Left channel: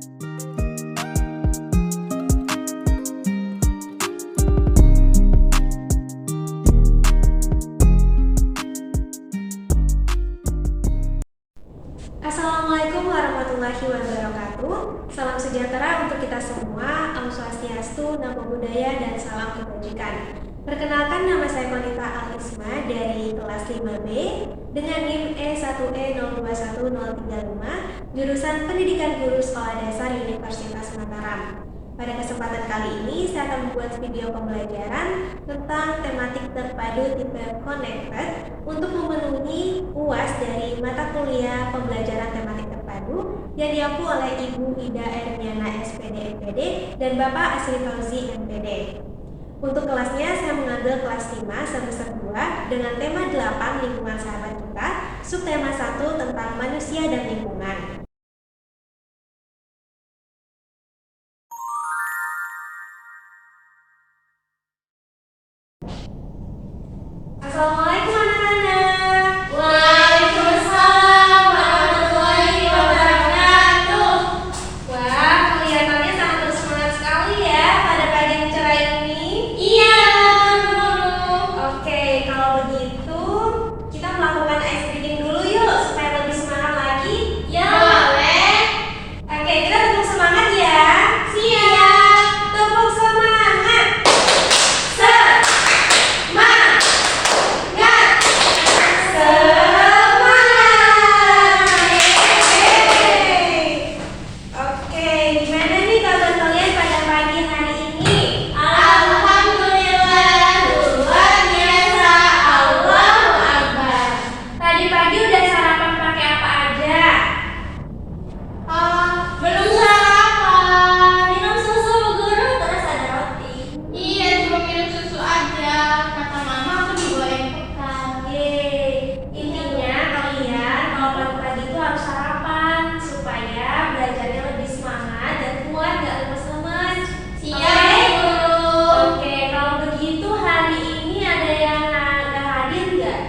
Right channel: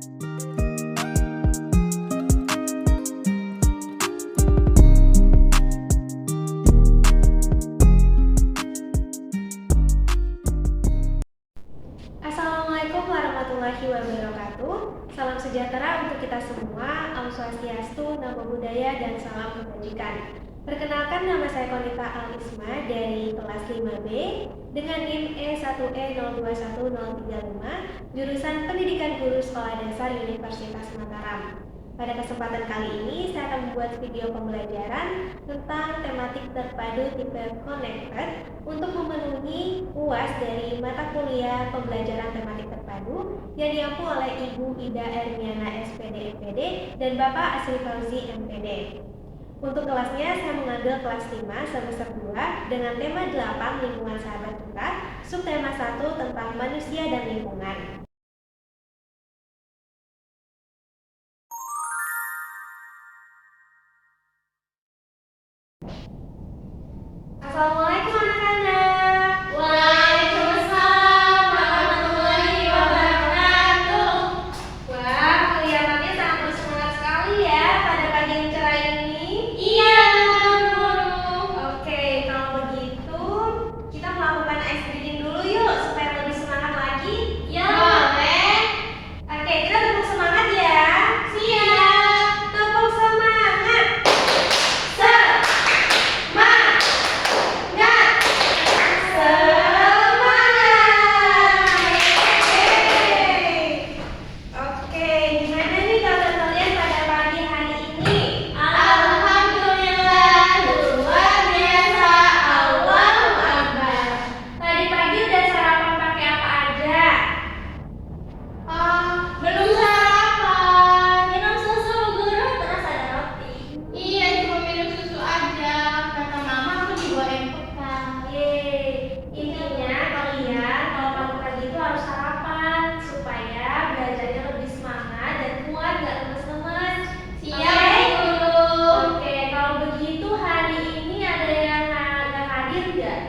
Assalamualaikum warahmatullahi wabarakatuh. Salam sejahtera untuk kita semua. Om Swastiastu, Namo Buddhaya, dan salam kebajikan. Perkenalkan, nama saya Konita Alisma dari kelas 5B dengan NIM E1E021035, jurusan Pendidikan Guru Sekolah Dasar Universitas Mataram. Pada kesempatan kali ini, saya akan membuat video pembelajaran tentang tematik terpadu tipe connected untuk memenuhi UAS dari mata kuliah pembelajaran tematik terpadu yang diampu oleh Ibu Ida Ermiana SPD MPD dan Bapak Asri Fauzi MPD. Untuk kelasnya, saya mengambil kelas 5 semester 2 dengan tema 8 lingkungan sahabat kita, subtema 1 tentang manusia dan lingkungan. Assalamualaikum anak-anak. Waalaikumsalam warahmatullahi wabarakatuh. Wah, kelihatannya sangat bersemangat sekali ya pada pagi yang cerah ini. Iya, guru. Oke, kalau begitu kita melakukan ice breathing dulu yuk supaya lebih semangat lagi. Ya, boleh. Oke, kita tepuk semangat ya. Siap. Tepuk semangat. Oke, gimana nih kabar kalian pada pagi hari ini? Alhamdulillah, luar biasa. Allahu Akbar. Tadi pagi udah sarapan pakai apa aja? Belum sarapan. Minum susu, guru, terus ada roti. Iya, cuma minum susu aja. Kata mama aku dibolehin bekal. Intinya kalian kalau pagi-pagi itu harus sarapan supaya belajarnya lebih semangat dan kuat, gak lemes-lemes. Siap, guru. Oke, kalau begitu hari ini ada yang nggak hadir nggak?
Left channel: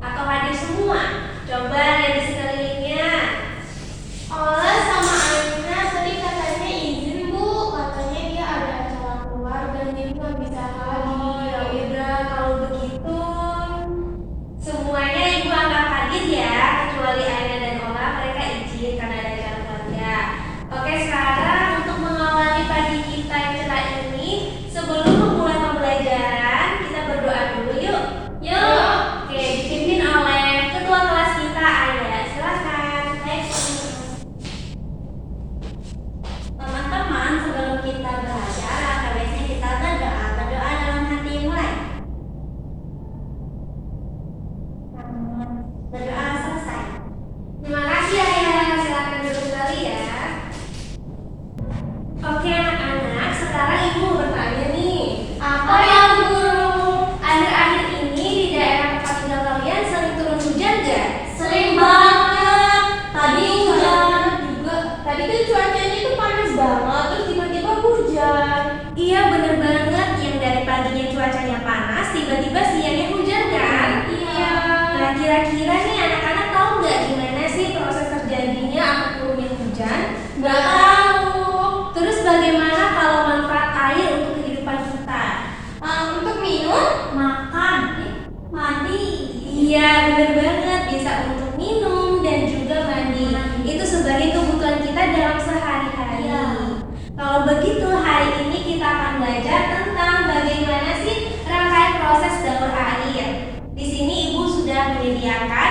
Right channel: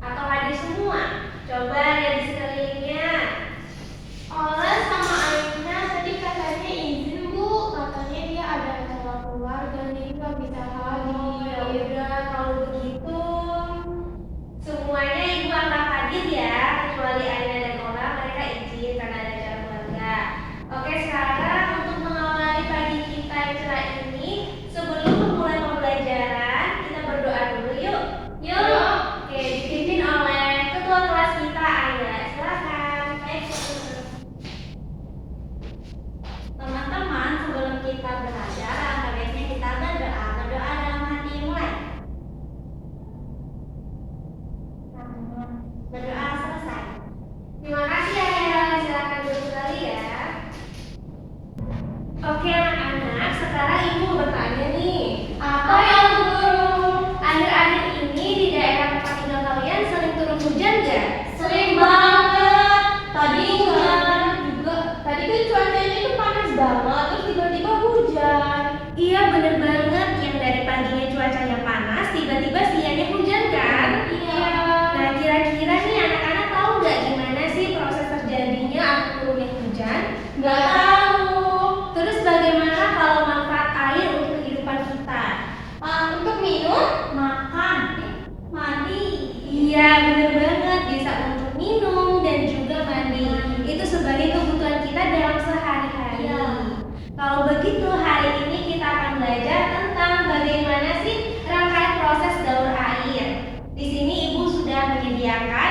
Atau hadir semua? Coba lihat di sekelilingnya. Oles sama Aina tadi katanya izin, Bu. Katanya dia ada acara keluarga jadi nggak bisa Oh ya hadir. udah, kalau begitu semuanya ibu anggap hadir ya, kecuali Aina dan Ola, mereka izin karena ada acara keluarga. Oke, sekarang untuk mengawali pagi kita yang cerah ini, sebelum memulai pembelajaran, kita berdoa dulu yuk. Yuk. Oke, dipimpin oleh ketua kelas kita, Aina. Silakan. Baik, teman-teman, sebelum kita belajar, alangkah baiknya kita berdoa. Berdoa dalam hati, mulai. Berdoa selesai. Terima kasih Ayah, silakan duduk kembali ya. Oke anak-anak, sekarang ibu bertanya nih. Apa ya, guru? Akhir-akhir ini di daerah tempat tinggal kalian sering turun hujan nggak? Sering banget. Tadi hujan juga. Tadi kan cuacanya itu panas banget, terus tiba-tiba hujan. Iya bener banget, yang dari paginya cuacanya panas, tiba-tiba siangnya hujan kan? Iya. Nah kira-kira nih anak-anak tahu nggak gimana sih proses terjadinya atau turunnya hujan? Nggak tahu. Terus bagaimana kalau manfaat air untuk kehidupan kita? Untuk minum, makan, mandi. Iya bener banget, bisa untuk minum dan juga mandi. Itu sebagai kebutuhan kita dalam sehari-hari. Iya. Kalau begitu hari ini kita akan belajar tentang bagaimana sih rangkaian proses daur air. Di sini ibu sudah menyediakan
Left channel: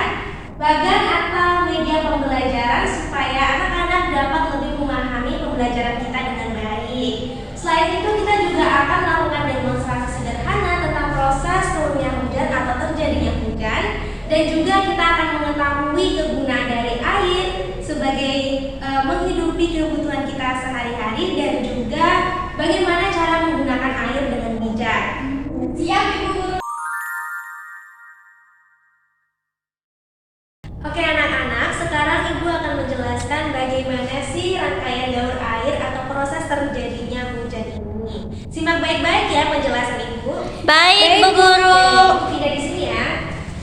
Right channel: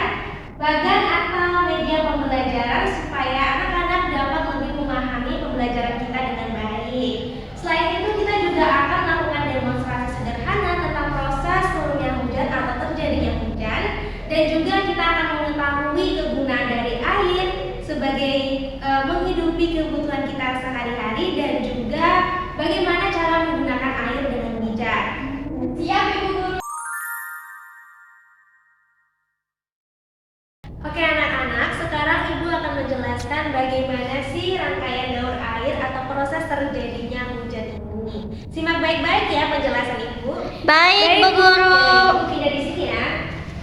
bagan atau media pembelajaran supaya anak-anak dapat lebih memahami pembelajaran kita dengan baik. Selain itu kita juga akan melakukan demonstrasi sederhana tentang proses turunnya hujan atau terjadinya hujan, dan juga kita akan mengetahui kegunaan dari air sebagai menghidupi kebutuhan kita sehari-hari dan juga bagaimana cara menggunakan air dengan bijak. Siap, Ibu Guru. Oke anak-anak, sekarang ibu akan menjelaskan bagaimana sih rangkaian daur air atau proses terjadinya hujan ini. Simak baik-baik ya penjelasan ibu. Baik, Bu Guru. Ibu pindah di sini ya.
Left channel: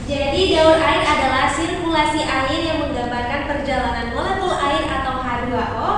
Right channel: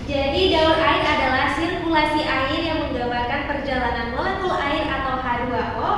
Jadi daur air adalah sirkulasi air yang menggambarkan perjalanan molekul air atau H2O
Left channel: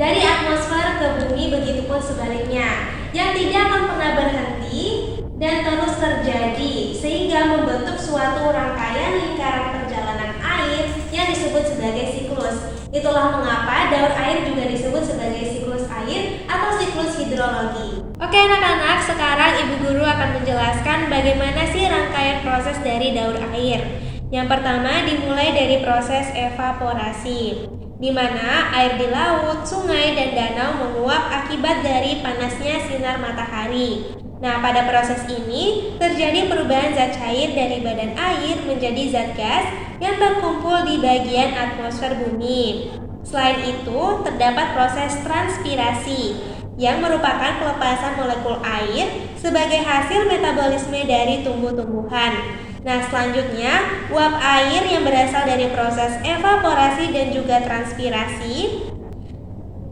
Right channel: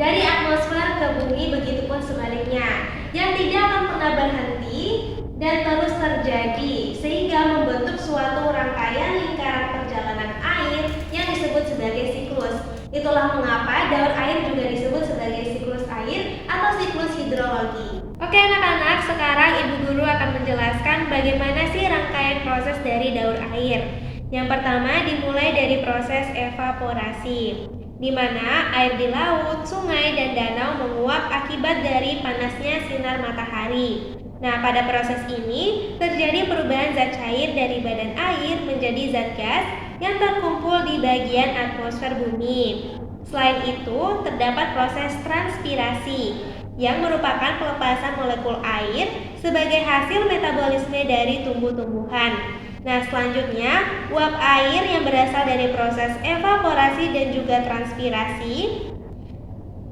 dari atmosfer ke bumi, begitupun sebaliknya, yang tidak akan pernah berhenti dan terus terjadi sehingga membentuk suatu rangkaian lingkaran perjalanan air yang disebut sebagai siklus. Itulah mengapa daur air juga disebut sebagai siklus air atau siklus hidrologi. Oke anak-anak, sekarang Ibu Guru akan menjelaskan bagaimana sih rangkaian proses dari daur air. Yang pertama dimulai dari proses evaporasi, di mana air di laut, sungai, dan danau menguap akibat dari panasnya sinar matahari. Nah, pada proses ini terjadi perubahan zat cair dari badan air menjadi zat gas yang terkumpul di bagian atmosfer bumi. Selain itu, terdapat proses transpirasi yang merupakan pelepasan molekul air sebagai hasil metabolisme dari tumbuh-tumbuhan. Nah, selanjutnya, uap air yang berasal dari proses evaporasi dan juga transpirasi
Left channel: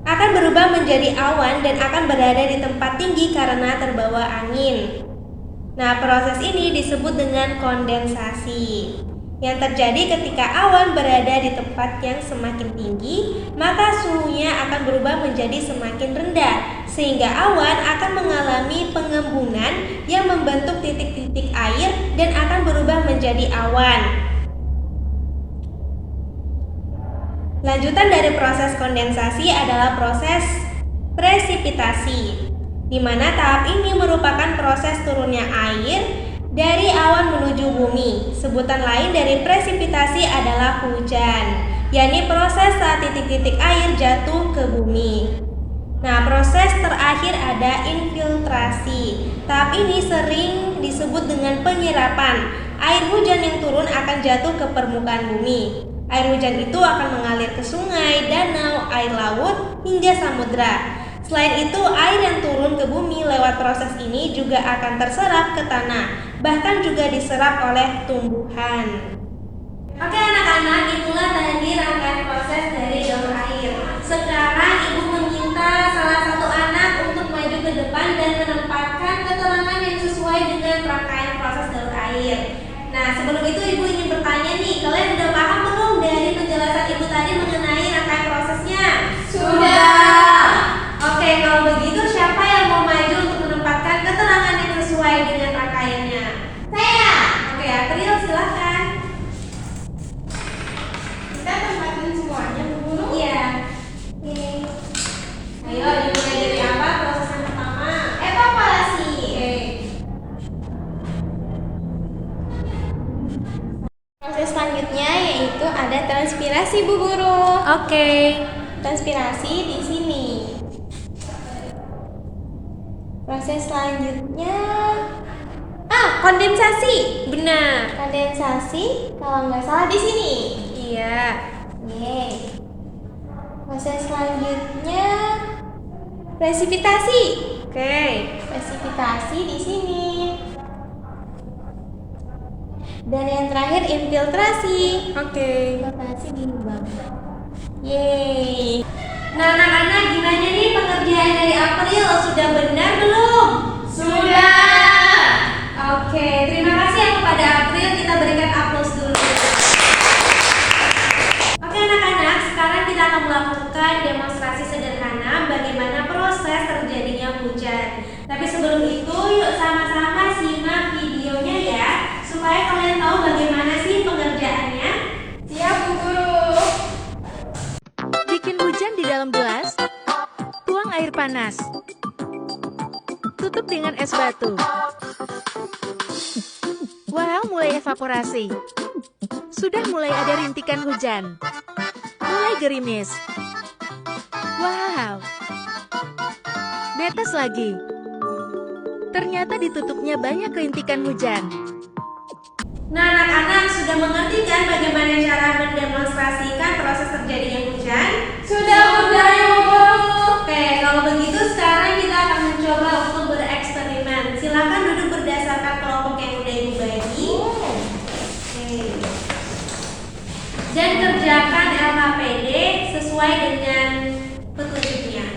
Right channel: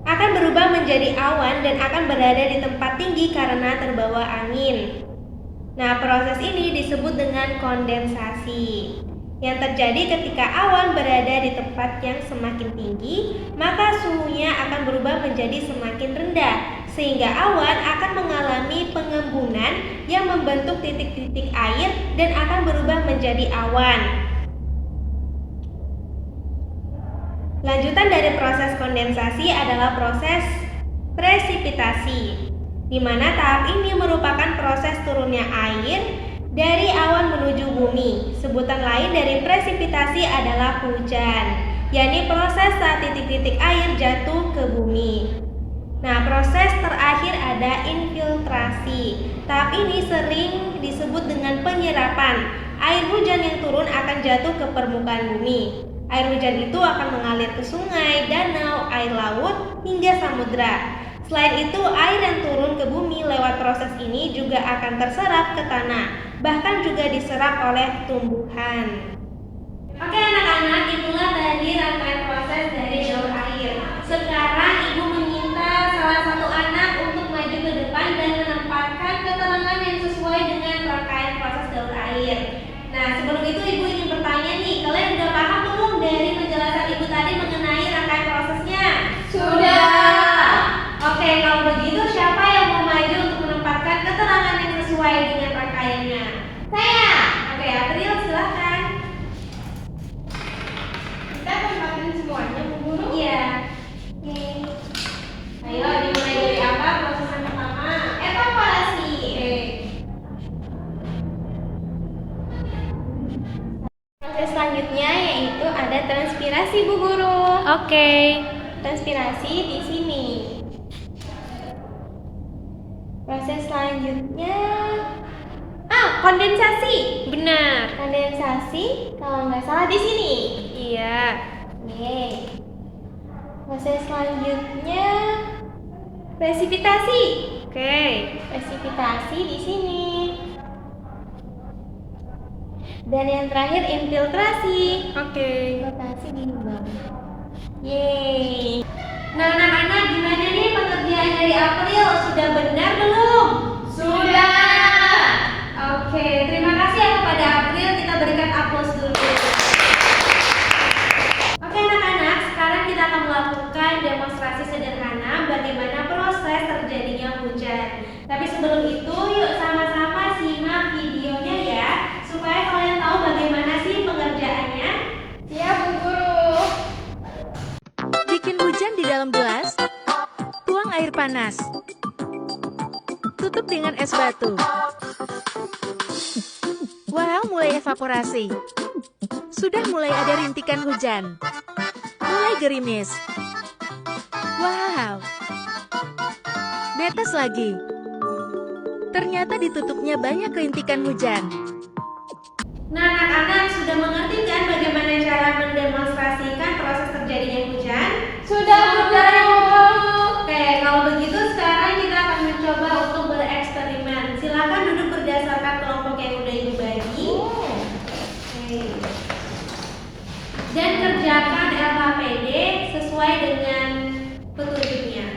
akan berubah menjadi awan dan akan berada di tempat tinggi karena terbawa angin. Nah, proses ini disebut dengan kondensasi. Yang terjadi ketika awan berada di tempat yang semakin tinggi, maka suhunya akan berubah menjadi semakin rendah, sehingga awan akan mengalami pengembunan yang membentuk titik-titik air dan akan berubah menjadi awan. Lanjutan dari proses kondensasi adalah proses presipitasi, di mana tahap ini merupakan proses turunnya air dari awan menuju bumi. Sebutan lain dari presipitasi adalah hujan, yakni proses saat titik-titik air jatuh ke bumi. Nah, proses terakhir ada infiltrasi. Tahap ini sering disebut dengan penyerapan. Air hujan yang turun akan jatuh ke permukaan bumi. Air hujan itu akan mengalir ke sungai, danau, air laut, hingga samudra. Selain itu, air yang turun ke bumi lewat proses ini juga akan terserap ke tanah, bahkan juga diserap oleh tumbuhan. Oke anak-anak, itulah tadi rangkaian proses dari daur air. Sekarang Ibu meminta salah satu anak untuk maju ke depan dan menempatkan keterangan yang sesuai dengan rangkaian proses daur air. Nah, sebelum itu Ibu ingin bertanya nih, kalian udah paham belum dari penjelasan Ibu tadi mengenai rangkaian prosesnya? Sudah. Oke, kalau begitu siapa yang mau maju untuk menempatkan keterangan yang sesuai dengan rangkaiannya? Saya. Oke, April silahkan. Kita tempatin semuanya, Bu Guru. Iya. Oke. Ayo dimulai dari apa proses yang pertama? Evaporasi. Oke. Proses selanjutnya yaitu ada transpirasi, Bu Guru. Oke. Transpirasi di sini. Proses selanjutnya kondensasi. Benar. Kondensasi kalau nggak salah di sini. Iya. Yeay. Proses selanjutnya presipitasi. Oke. Presipitasi di sini. Dan yang terakhir infiltrasi. Oke. Infiltrasi di bawah. Yeay. Nah, anak-anak gimana nih pengerjaan dari April? Sudah benar belum? Sudah. Oke, terima kasih ya kepada April. Kita berikan aplaus dulu. Oke anak-anak, sekarang kita akan melakukan demonstrasi sederhana bagaimana proses terjadinya hujan. Tapi sebelum itu, yuk sama-sama simak videonya ya, supaya kalian tahu bagaimana sih pengerjaannya. Siap, Bu Guru. Bikin hujan di dalam gelas. Tuang air panas. Tutup dengan es batu. Wow, mulai evaporasi. Sudah mulai ada rintikan hujan. Mulai gerimis. Wow. Netes lagi. Ternyata ditutupnya banyak rintikan hujan. Nah anak-anak sudah mengerti kan bagaimana cara mendemonstrasikan proses terjadinya hujan? Sudah, Bu Guru. Oke, kalau begitu sekarang kita akan mencoba untuk bereksperimen. Silakan duduk berdasarkan kelompok yang udah Ibu bagi. Oke. Dan kerjakan LKPD sesuai dengan petunjuknya.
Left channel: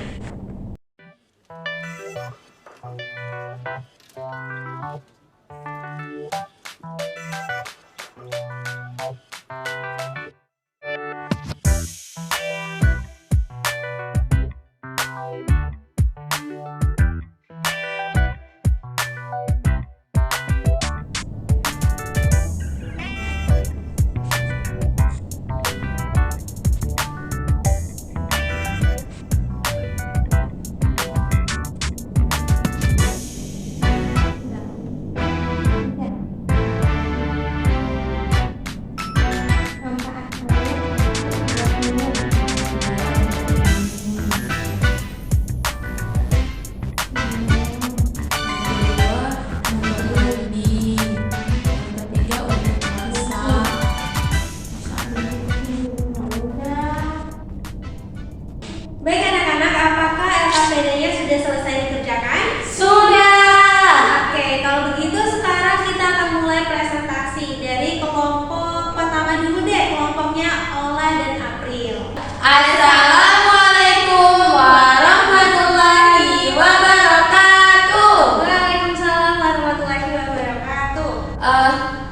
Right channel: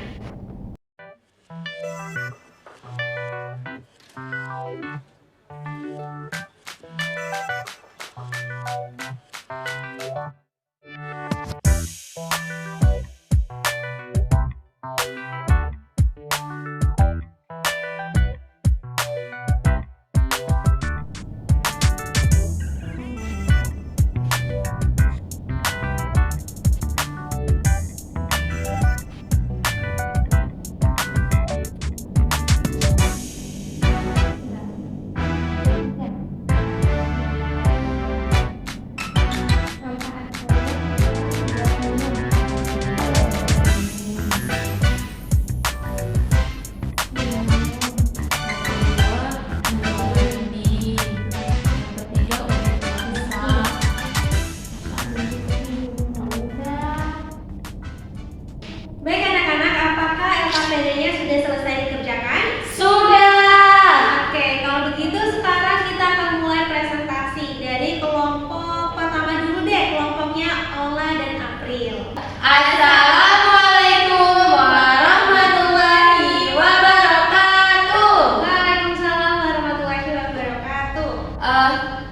Baik anak-anak, apakah LKPD-nya sudah selesai dikerjakan? Sudah. Oke, kalau begitu sekarang kita akan mulai presentasi dari kelompok pertama dulu deh, kelompoknya Ola dan April. Assalamualaikum warahmatullahi wabarakatuh. Waalaikumsalam warahmatullahi wabarakatuh.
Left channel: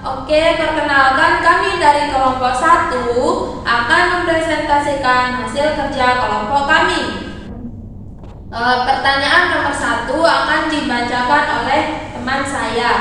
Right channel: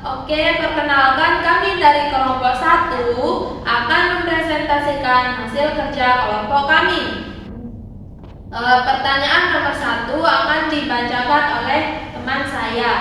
Oke, perkenalkan kami dari kelompok 1 akan mempresentasikan hasil kerja kelompok kami. Pertanyaan nomor 1 akan dibacakan oleh teman saya.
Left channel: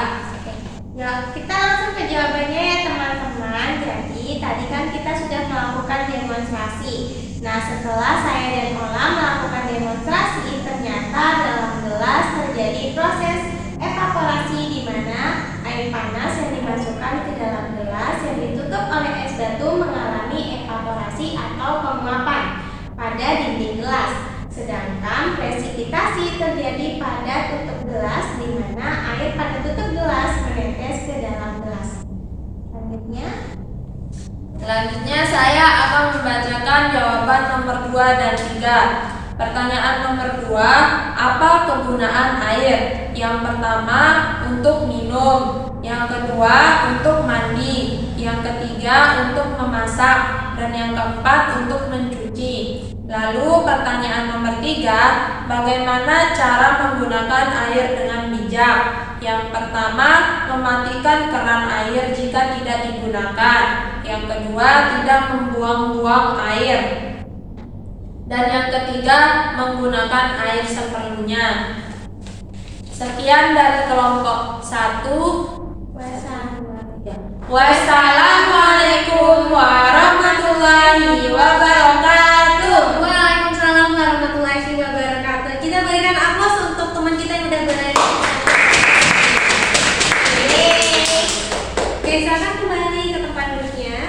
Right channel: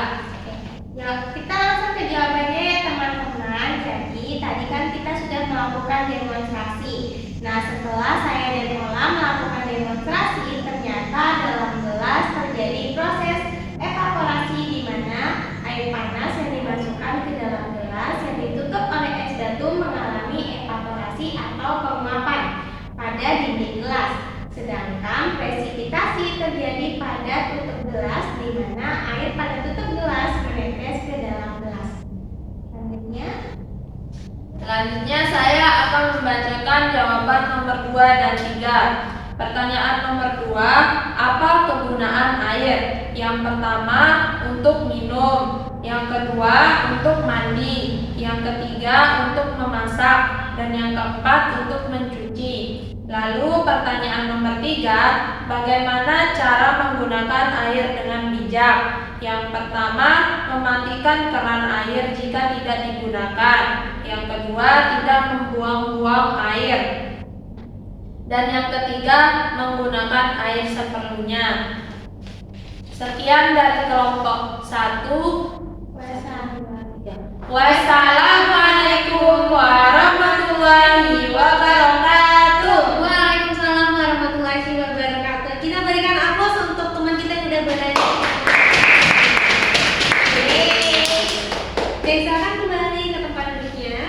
Ya, kita langsung ke jawabannya ya teman-teman. Jadi tadi kan kita sudah melakukan demonstrasi. Nah, setelah saya dan Ola melakukan demonstrasi, ternyata dalam gelas terjadi proses evaporasi di mana air panas yang dimasukkan ke dalam gelas yang ditutup oleh es batu mengalami evaporasi atau penguapan pada dinding gelas. Sedangkan presipitasi terjadi pada tutup gelas di mana air pada tutup gelas menetes ke dalam gelas. Selanjutnya saya akan membacakan jawaban nomor 2 dan 3. Pertanyaan nomor 2, apa kegunaan air? Yang pertama untuk minum, yang kedua untuk mandi, yang ketiga untuk memasak, dan yang keempat untuk mencuci. Lalu pertanyaan nomor 3, bagaimana cara menggunakan air dengan bijak? Yang pertama, mematikan keran air jika tidak digunakan. Yang kedua, tidak membuang-buang air. Dan yang ketiga, menggunakan air seperlunya. Sekian dari kelompok 1. Wassalamualaikum warahmatullahi wabarakatuh. Waalaikumsalam warahmatullahi wabarakatuh. Kita berikan aplaus untuk teman kita yang udah berani. Oke, silakan kembali ke tempat duduknya.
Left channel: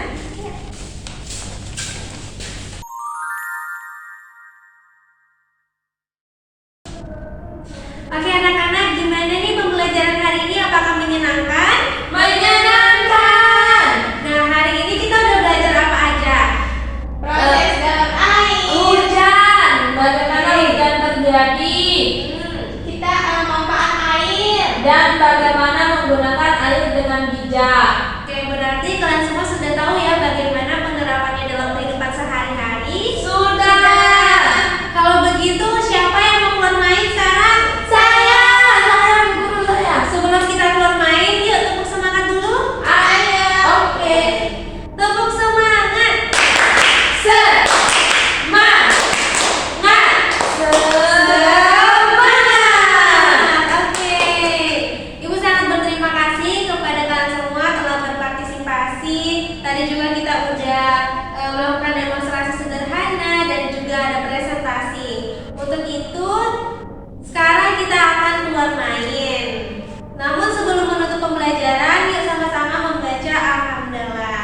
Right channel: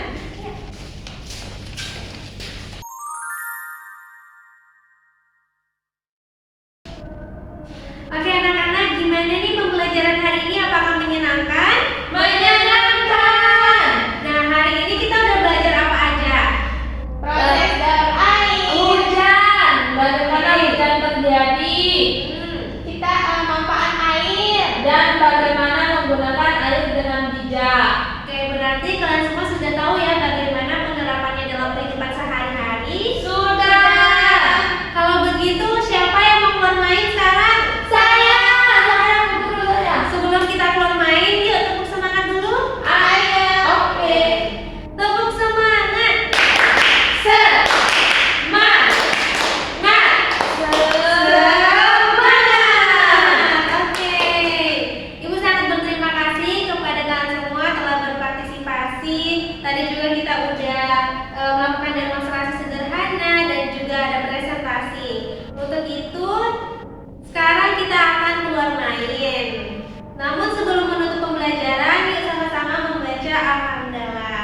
Oke anak-anak, gimana nih pembelajaran hari ini? Apakah menyenangkan? Menyenangkan. Nah, hari ini kita udah belajar apa aja? Proses daur air. Hujan. Bagaimana hujan terjadi? Kita manfaat air. Dan bagaimana menggunakan air dengan bijak. Oke, berarti kalian semua sudah tahu ya bagaimana penerapannya dalam kehidupan sehari-hari? Sudah. Kalau begitu, siapa yang mau keluar main sekarang? Saya guru saya. Sebelum kita keluar main, yuk tepuk semangat dulu. Ayo. Oke. Tepuk semangat. Semangat. Oke. Ibu sangat berterima kasih kepada kalian semua telah berpartisipasi. Tadi juga kita udah melakukan demonstrasi sederhana dan juga ada presentasi. Untuk itu, sekarang kita akan keluar main. Namun sebelum menutup pembelajaran, yuk sama-sama membaca Alhamdulillah.